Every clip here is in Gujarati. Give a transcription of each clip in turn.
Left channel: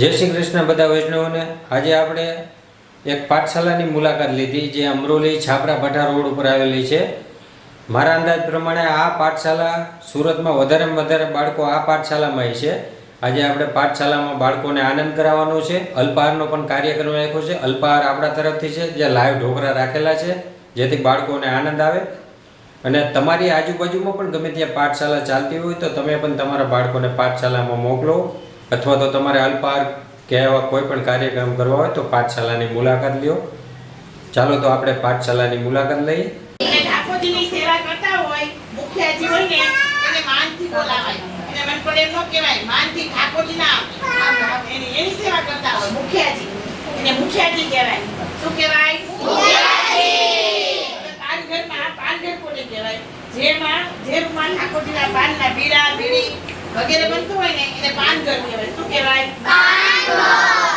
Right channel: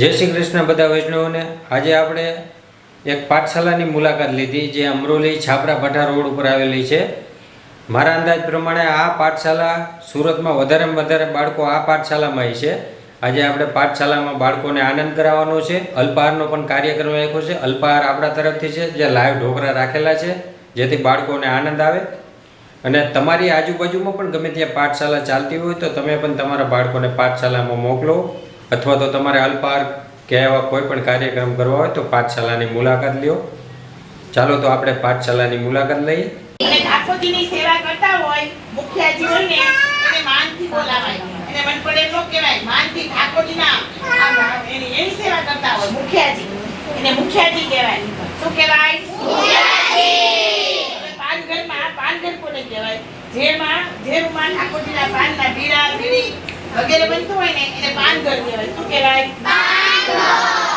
जय श्री कृष्ण बधा वैष्णव ने आज આપણે એક પાઠશાલાની મુલાકાત લીધી જે અમરોલી છાપરા ભઠ્ઠા રોડ ઉપર આવેલી છે। મારા અંદાજ પ્રમાણે આ પાઠશાલા સુરતમાં વધારેમાં વધારે બાળકો આ પાઠશાલામાં છે। આજે આપણે પાઠશાલામાં બાળકોને આનંદ કરાવવાનો છે। અલ્પાહારનો પણ કાર્યક્રમ રાખ્યો છે। અલ્પાહાર આપણા તરફથી છે જે લાઈવ ઢોકળા રાખેલા છે જેથી બાળકોને આનંદ આવે। અને તમારી આજુબાજુમાં પણ ગમે ત્યાં પાઠશાલા ચાલતી હોય તો તમે પણ તમારા બાળકોને પાઠશાલામાં મોકલો अथवा तो तमारे अल्पाहार के एवा कोईपण कार्यक्रम करवा होय तो पाठशालानी मुलाकात ल्यो। चालो तो आपणे पाठशालानी मुलाकात लईए। ठाकोरजीनी सेवा करता होय मुखियाजी होय ने એને માનથી બોલાવાય એને વનપડે નો કહેવાય માનથી ઠાકોરજીના એની સેવા કરતા હોય મુખિયાજી એને મુખિયાજી કહેવાય। શું કહેવાય? મુખિયાજી। પાનઘર કોને કહેવાય? જેમાં ઠાકોરજીના પાનના બીડા બીડી वगैरह बनतो होय ने એને પાનઘર કહેવાય। શું કહેવાય? પાનઘર।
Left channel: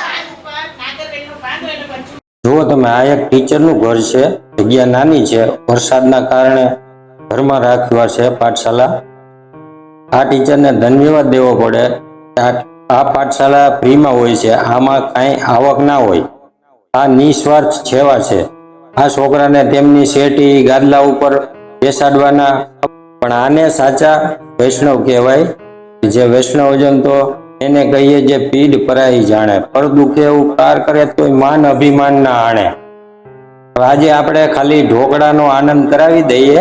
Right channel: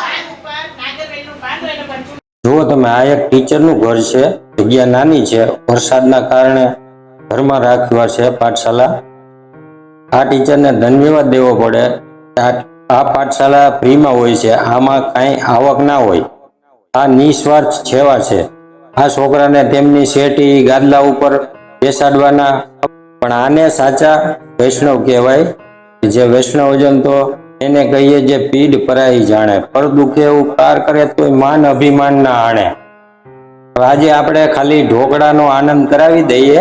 પાન ઉપર નાગરવેલનો પાન હોય ને પણ જો તમે આ એક ટીચરનું ઘર છે। જગ્યા નાની છે, વરસાદના કારણે ઘરમાં રાખ્યા છે પાઠશાલા। આ ટીચરને ધન્યવાદ દેવો પડે। આ પાઠશાલા ફ્રીમાં હોય છે, આમાં કાંઈ આવક ના હોય। આ નિસ્વાર્થ સેવા છે। આ છોકરાને તેમની શેટી ગાદલા ઉપર બેસાડવાના પણ આને સાચા વૈષ્ણવ કહેવાય। जे वैष्णवजन तो એને કહીએ જે પીડ પરાઈ જાણે પર દુખે ઉપકાર કરે તો માન અભિમાન ના આણે। આજે આપણે ખાલી ઢોકળાનો આનંદ કરાવી દઈએ।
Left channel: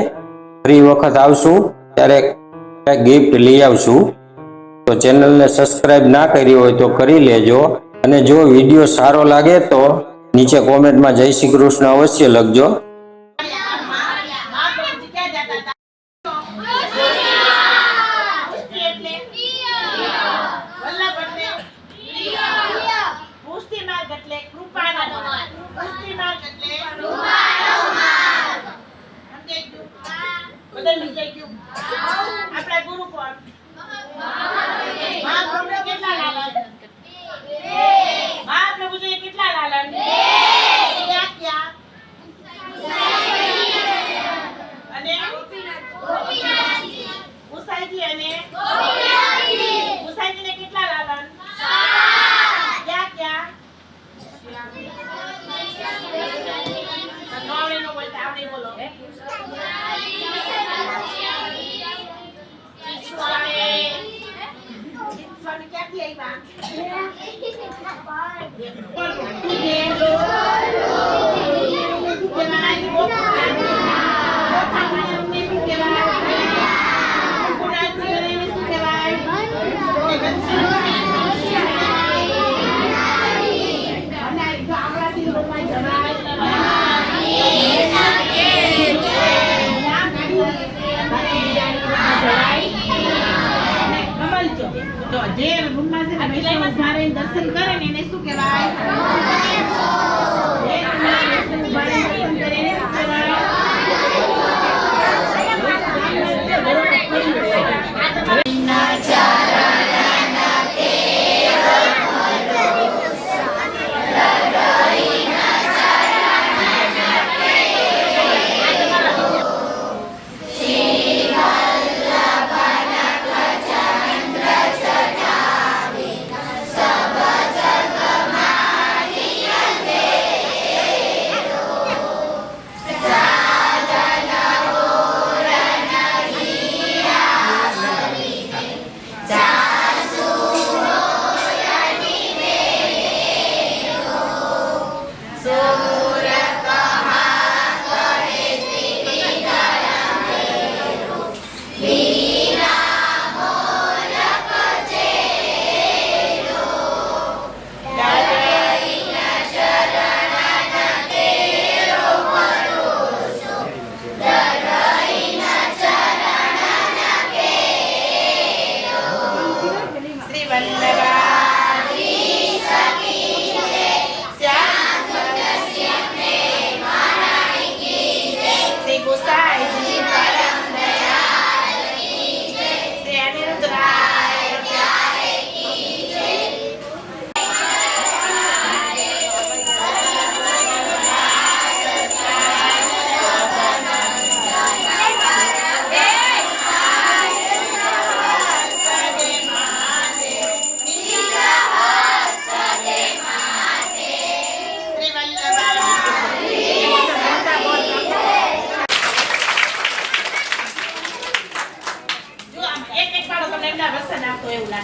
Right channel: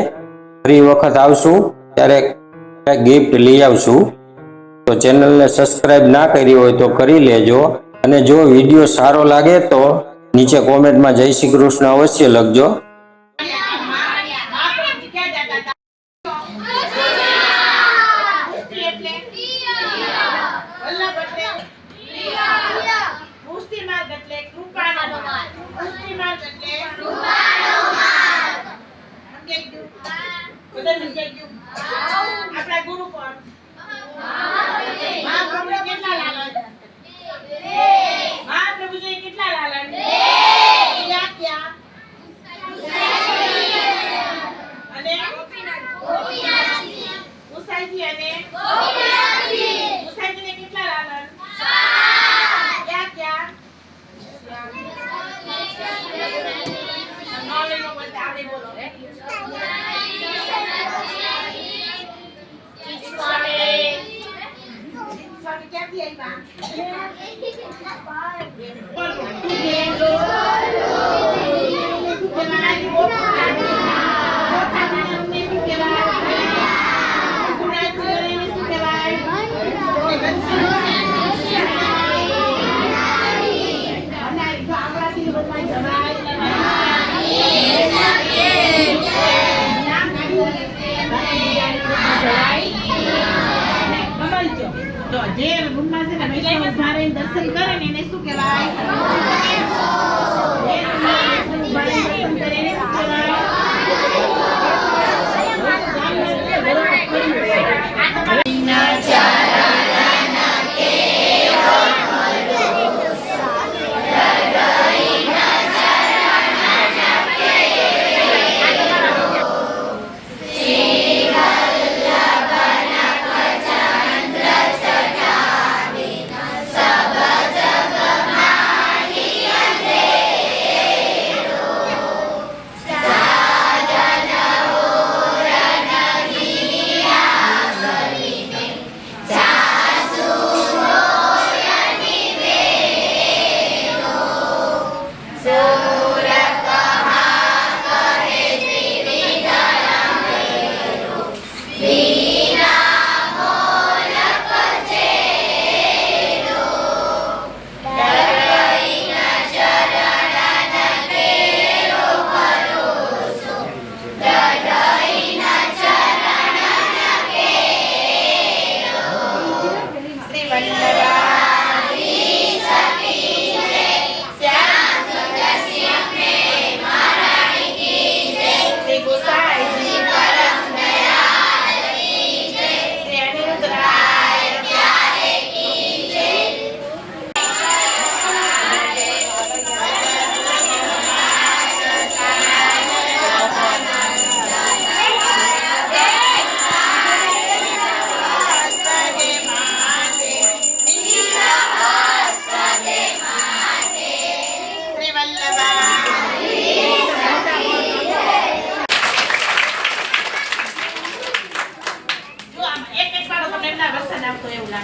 ફરી વખત આવશું ત્યારે ગિફ્ટ લઈ આવશું। તો ચેનલને સબસ્ક્રાઇબ ના કરી હોય તો કરી લેજો અને જો વિડીયો સારો લાગે તો નીચે કોમેન્ટમાં જય શ્રી કૃષ્ણ અવશ્ય લખજો। આપણા ગુરુ કોણ? મહાપ્રભુ કેટલા લાલન? મહાપ્રભુ જે કેટલા લાલન? ક્યાં ક્યાં? અને ઉસાઈજી અને ઉસાઈજીને કેટલા લાલન? ક્યાં ક્યાં? નોલેનો બોલતા આવડે બોલો। तो जे रूमમાં છે ને વૈષ્ણવ ઉભા રહીને દર્શન કરે ને એને શું કહેવાય? જે રૂમમાં વૈષ્ણવ ઉભા રહીને દર્શન કરે એને શું કહેવાય?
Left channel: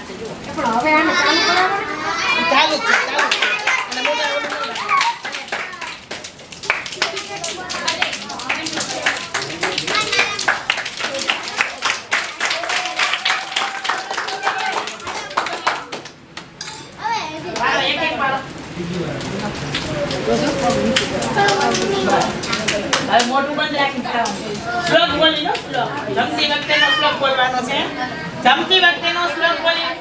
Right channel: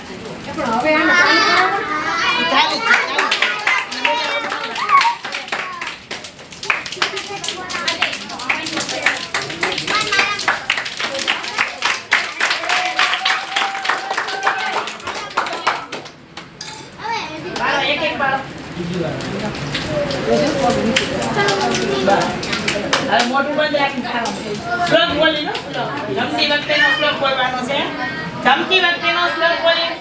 છે જુઓ. પણ હવે આને ચાલુ કરાવો. ચાલુ છે, ચાલુ છે. વાળો, એક એક વાળો. હવે મોઢું બંધ રાખીને ખાવાનું. શ્લોક બોલી લો, શ્લોક. જમતી વખતેનો શ્લોક બોલવાનો છે. જમતી વખતેનો શ્લોક બોલી.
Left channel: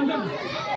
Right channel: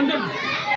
અંદર